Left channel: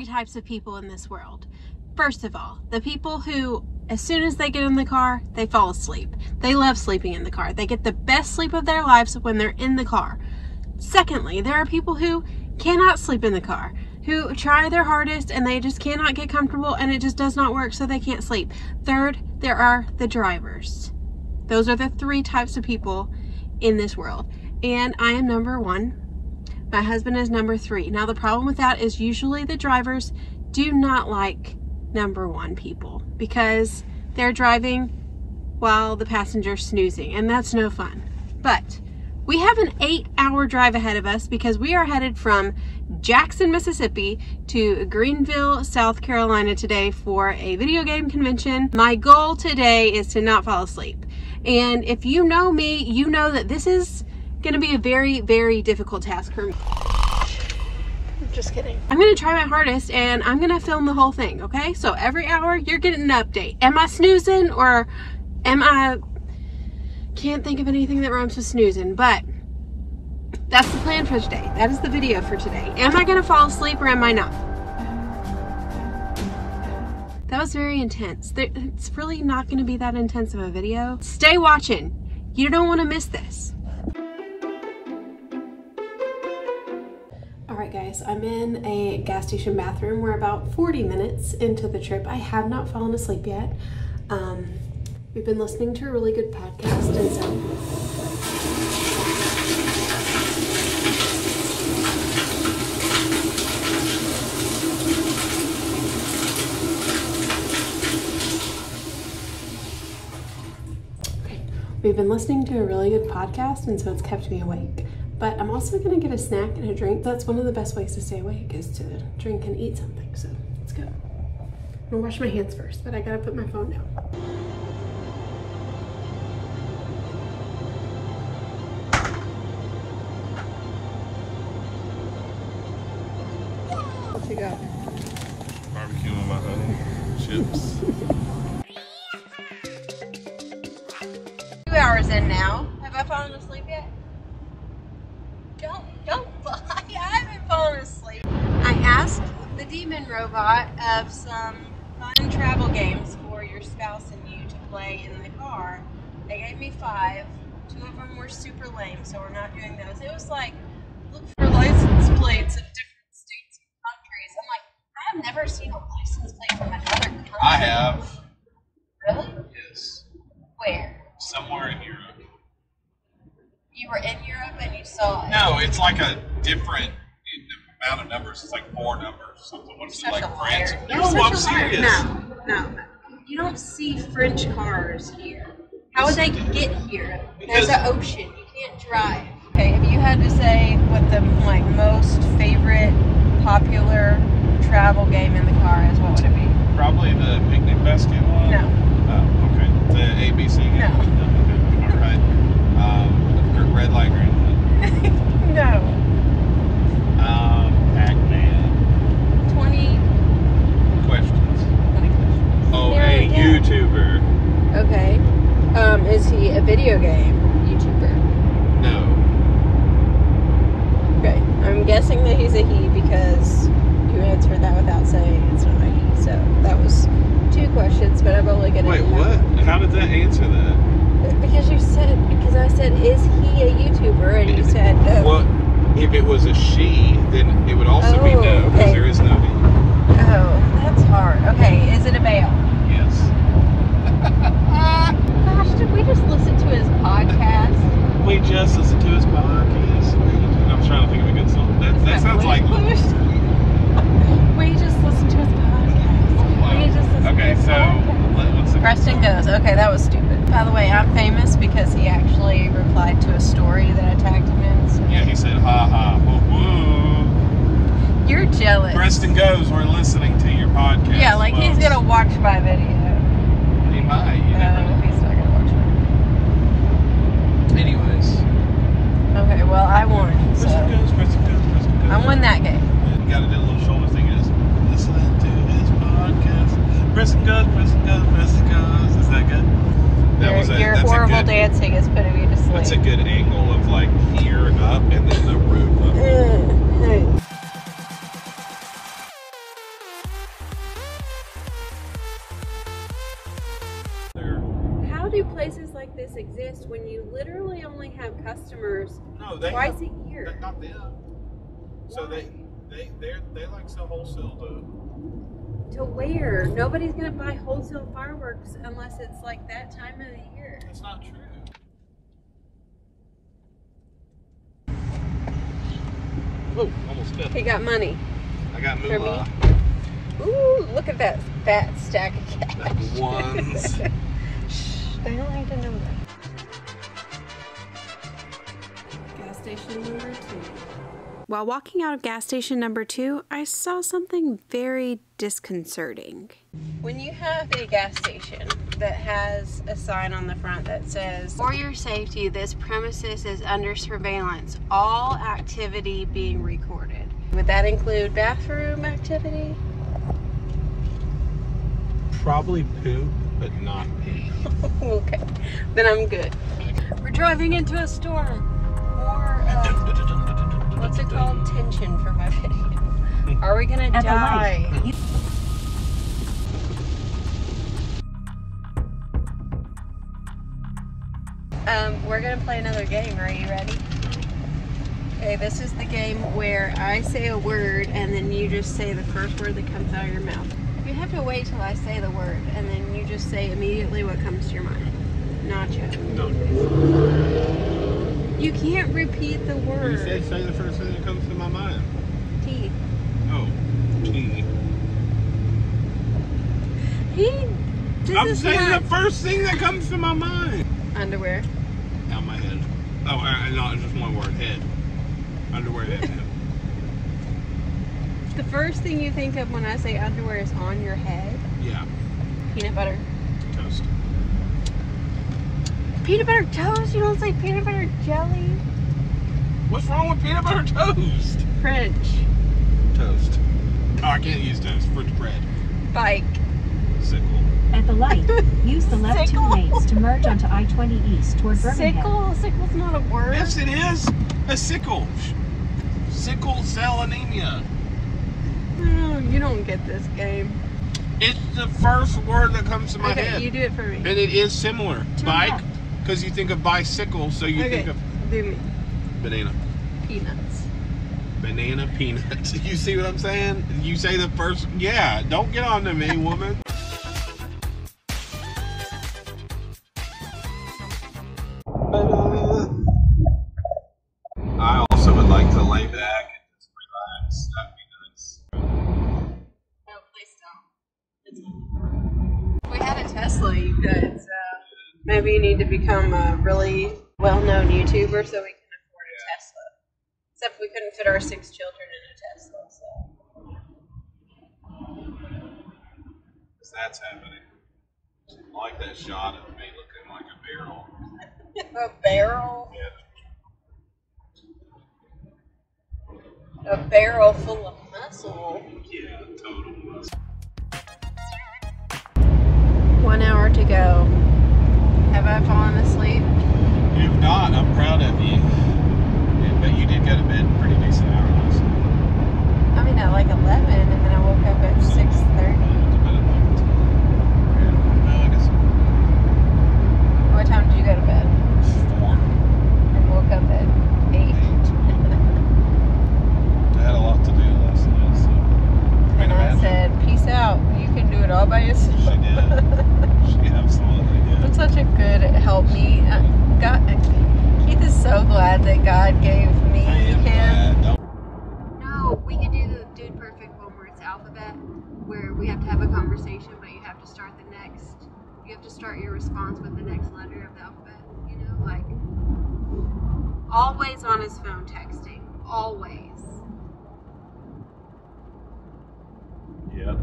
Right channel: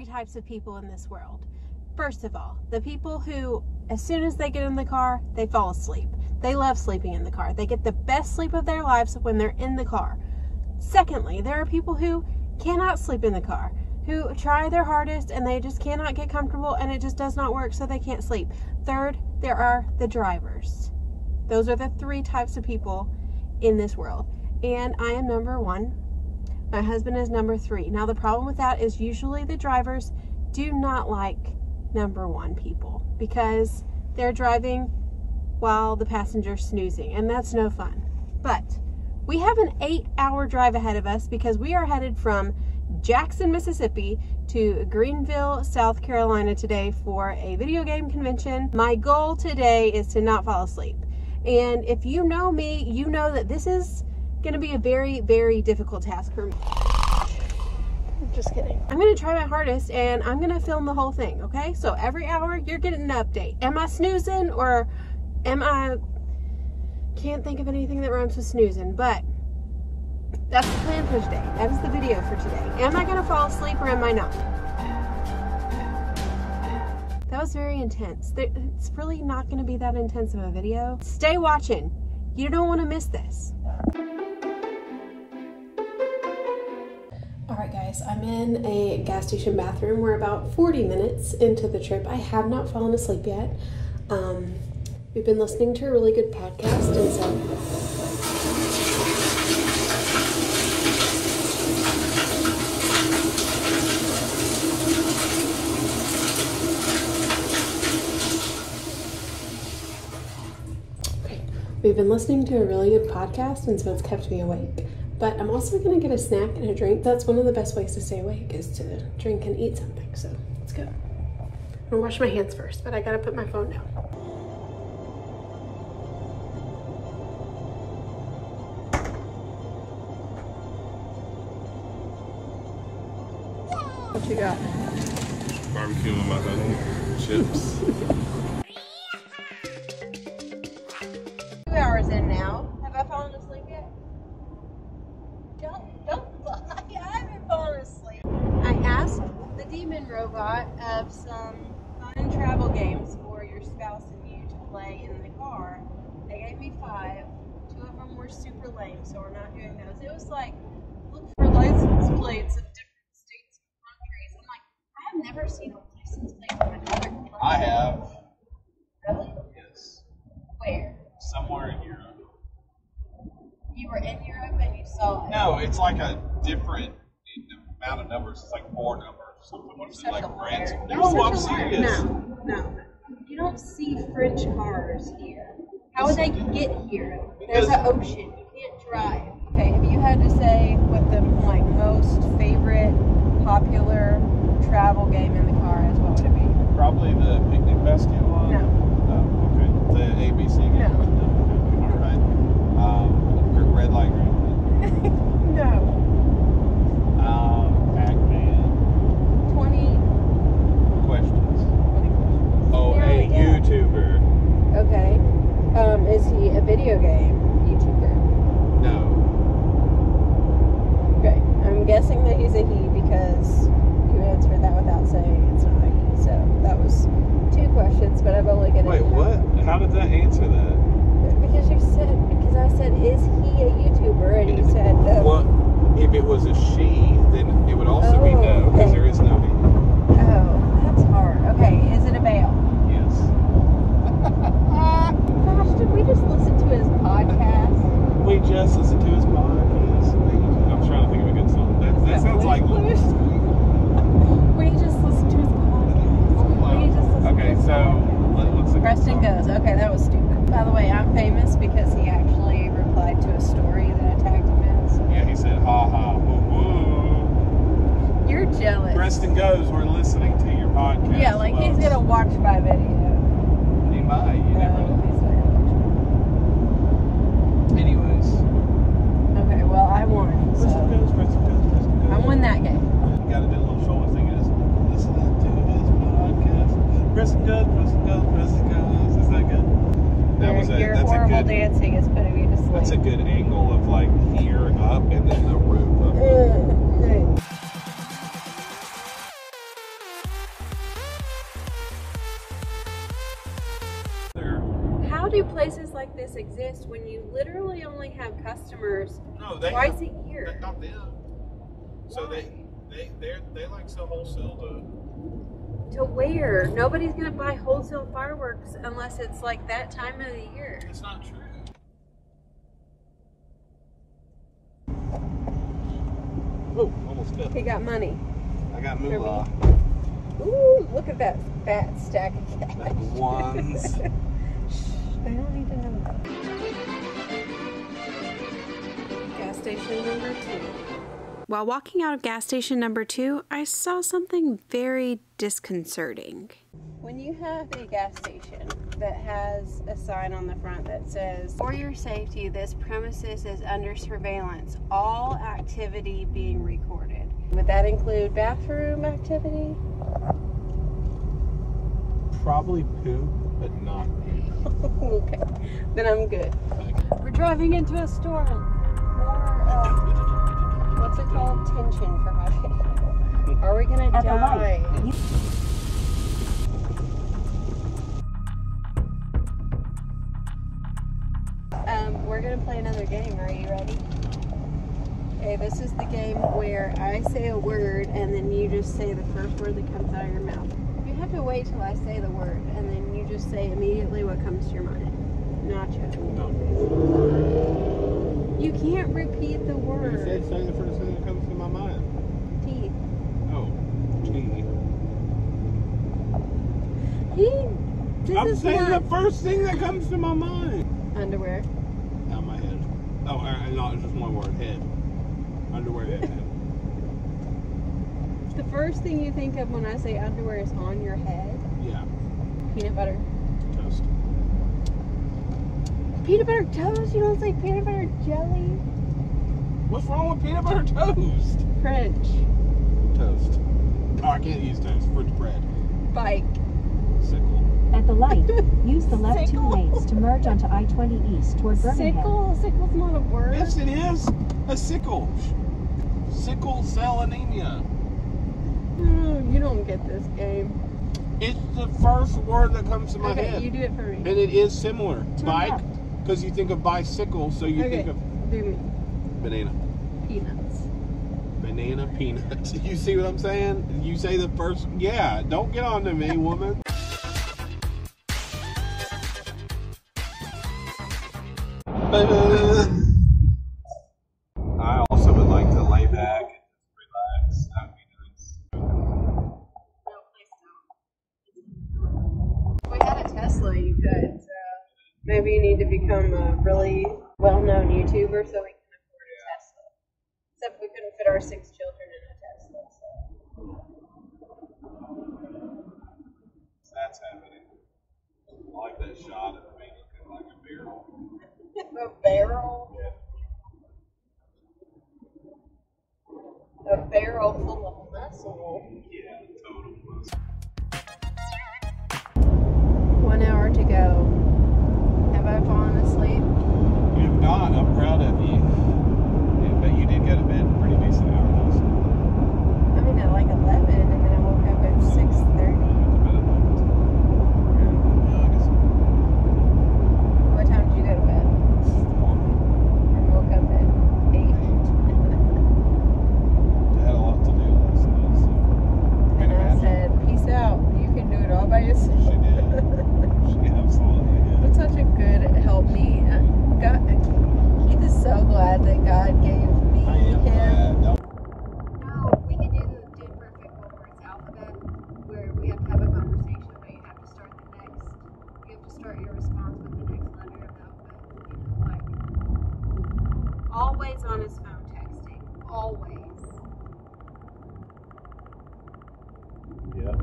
three types of people in this world. First of all, the people who, as soon as they get in the car, they fall asleep. They love sleeping in the car. They get the best sleep of their lives when they're in the car. Secondly, there are people who cannot sleep in the car, who try their hardest and they just cannot get comfortable and it just does not work, so they can't sleep. Third, there are the drivers. Those are the three types of people in this world. And I am number one. My husband is number three. Now the problem with that is usually the drivers do not like number one people because they're driving while the passenger's snoozing, and that's no fun. But we have an 8-hour drive ahead of us because we are headed from Jackson, Mississippi to Greenville, South Carolina today for a video game convention. My goal today is to not fall asleep. And if you know me, you know that this is going to be a very, very difficult task for me. Just kidding. I'm going to try my hardest and I'm going to film the whole thing, okay? So every hour you're getting an update. Am I snoozing or am I... Can't think of anything that rhymes with snoozing, but that's the plan for today. That is the video for today. Am I going to fall asleep or am I not? That was very intense. It's really not going to be that intense of a video. Stay watching. You don't want to miss this. Alright guys, I'm in a gas station bathroom. We're about 40 minutes into the trip. I have not fallen asleep yet. We've been listening to a really good podcast, and we've been listening to a really good podcast, and so it's kept me awake. But I'm also going to get a snack and a drink. That's one of the best ways to stay awake, is to drink and eat something. So let's go. I'm going to wash my hands first, but I got to put my phone down. What you got? Barbecue with my honey, chips. 2 hours in now. Have I fallen asleep yet? Don't lie. I haven't fallen asleep. I asked the demon robot of some fun travel games for your spouse and you to play in the car. They gave me 5. 2 of them were super lame, so we're not doing those. It was like, look for license plates of different states and countries. I'm like, I have never seen a license plate from another country. I have. Really? Yes. Where? Somewhere in Europe. You were in Europe and you saw it? No, it's like a different amount of numbers. It's like 4 numbers or something. What is it, like France? You're No, I'm such a liar. serious. No. You don't see French cars here. How would they get here? There's an ocean. You can't drive. Okay, if you had to say what the most favorite popular travel game in the car is, what would it be? Probably the picnic basket one. No. Okay. The ABC game. No. Okay. All right. Red light, green light. No. Pac-Man. 20 Questions. questions. Oh, Yeah, a yeah. YouTuber. Okay. Is he a video game YouTuber? No. Okay. I'm guessing that he's a he because you answered that without saying it's not a he. So that was 2 questions, but I'm only gonna. Wait, what? How did that answer that? Because I said, is he a YouTuber? And you said no. Well, if it was a she, then it would also be Oh, no, because okay. there is no he. Oh, that's hard. Okay, is it a male? Yes. Gosh, did we just listen to his podcast? We just listened to his podcast. I'm trying to think of a good song. That sounds like. We just listened to his podcast. We just listened to Okay, his so podcast. let's see. Preston goes, okay, that was stupid. By the way, I'm famous because he actually replied to a story that I tagged him in. So. Yeah, he said, ha ha, woo woo. You're jealous. Preston goes, we're listening to your podcast. Yeah, like he's gonna watch my video. He might, you never know. He's not gonna watch Anyways. Okay, well, I won. So Preston goes, Preston goes, Preston goes. I won that game. You gotta do a little shoulder thing as listening to his podcast. Preston goes, Preston goes, Preston goes. Is that good? Your horrible dancing is putting me to sleep. That's a good angle of like here up and then the roof. do places like this exist when you literally only have customers twice a year? Not them. So they like sell wholesale to where? Nobody's gonna buy wholesale fireworks unless it's like that time of the year. It's not true. Oh, almost got He got money. I got moolah. Ooh, look at that fat stack of cash. Ones. Shh, they don't need to know that. Gas station number 2. While walking out of gas station number 2, I saw something very disconcerting. When you have a gas station that has a sign on the front that says, "For your safety, this premises is under surveillance, all activity being recorded." Would that include bathroom activity? Probably poop, but not pee. Okay, then I'm good. We're driving into a storm. More, what's it called? Tension for my video. Are we gonna die? We're gonna play another game. Are you ready? Okay, this is the game where I say a word and then you just say the first word that comes out of your mouth. You have to wait till I say the word and then you just say immediately what comes to your mind. Nacho. No. You can't repeat the word. You say the first thing that comes to my mind. Teeth. Oh, tea. I'm saying the first thing that comes to my mind. Underwear. Out my head. Oh, no, just one word. Head. Underwear, head. The first thing you think of when I say underwear is on your head? Yeah. Peanut butter. Toast. Peanut butter toast? You don't say peanut butter jelly? What's wrong with peanut butter toast? French. Toast. Oh, I can't use toast. French bread. Bike. Sickle. At the light, use the left Sickle. 2 lanes to merge onto I-20 East toward Birmingham. Sickle? Sickle's not a word. Yes, it is. A sickle. Sickle cell anemia. Oh, you don't get this game. It's the first word that comes to my Okay, head. you do it for me. And it is similar. Turn Bike, left. because you think of bicycle, so you Okay, think of do me. banana. Peanuts. Banana peanuts. You see what I'm saying? You say the first, yeah, don't get on to me, woman. I also would like to lay back and just relax. That'd be nice. No, please don't. If we had a Tesla, you could. So maybe you need to become a really well-known YouTuber so we can afford a Tesla. Except we couldn't fit our 6 children in a Tesla, so. That's happening. I like that shot of me looking like a barrel. A barrel? Yeah. A barrel full of muscle. Yeah, total muscle. 1 hour to go. Have I fallen asleep? If not, I'm proud of you. Yeah, but you did go to bed pretty decent hour last night. I mean, at like 11, and then I woke up at 6:30. What time did you go to bed? 4. And woke up at 8. I had a lot to do last night, so. And I said, peace out. You can do it all by yourself. She did. She absolutely did. That's such a good help me. God, Keith is so glad that God gave me him. No, we can do the Dude Perfect one where it's alphabet, where we have to have a conversation, but you have to start the next. You have to start your response with the next letter of the alphabet. You know, like always on his phone texting. Always. Yeah.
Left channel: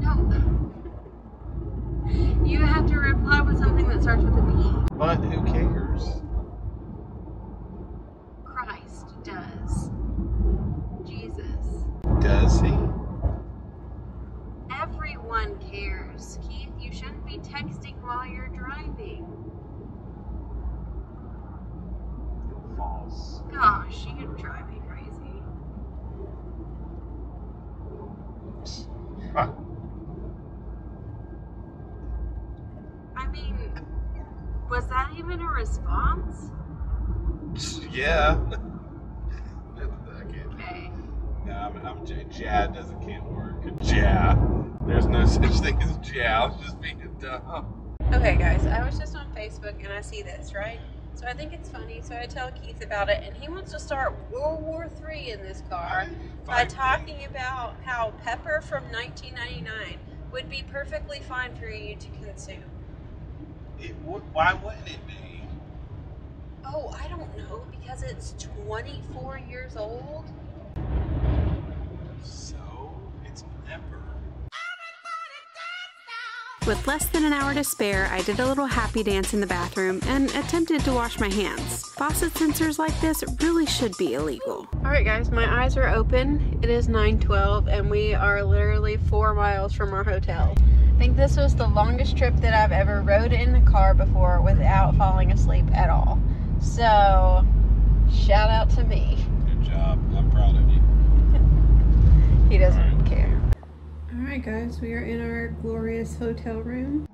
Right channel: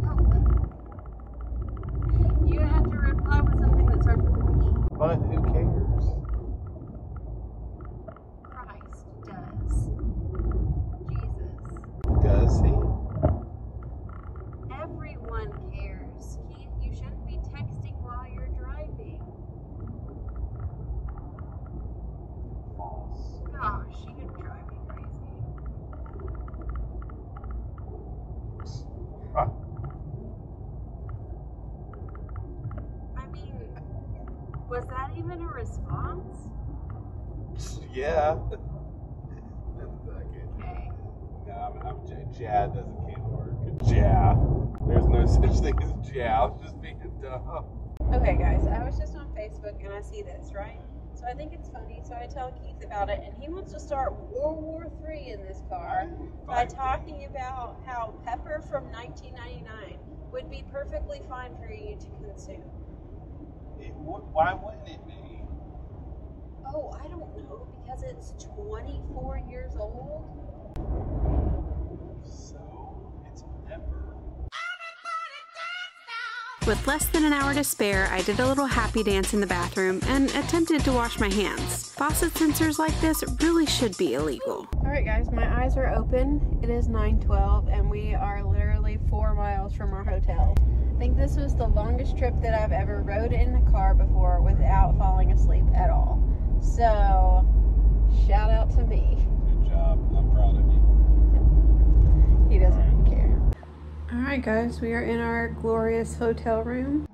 No. You have to reply with something that starts with a B. But who cares? Christ does. Jesus. Does he? Everyone cares. Keith, you shouldn't be texting while you're driving. False. Gosh, you're driving me crazy. I mean, Yeah. Okay. No, I'm Ja can't work. Ja. There's no such thing as Ja. I was just being dumb. Okay, guys, I was just on Facebook and I see this, right? So I think it's funny, so I tell Keith about it, and he wants to start World War III in this car by talking about how pepper from 1999 would be perfectly fine for you to consume. Why wouldn't it be? Oh, I don't know, because it's 24 years old. So, it's pepper. With less than an hour to spare, I did a little happy dance in the bathroom and attempted to wash my hands. Faucet sensors like this really should be illegal. Alright guys, my eyes are open. It is 9:12 and we are literally 4 miles from our hotel. I think this was the longest trip that I've ever rode in a car before without falling asleep at all. So, shout out to me. Good job. I'm proud of you. He doesn't care. Alright guys, we are in our glorious hotel room.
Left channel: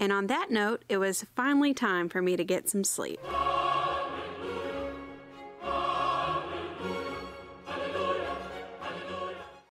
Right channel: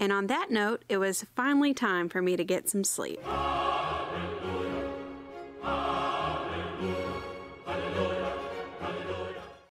And on that note, it was finally time for me to get some sleep.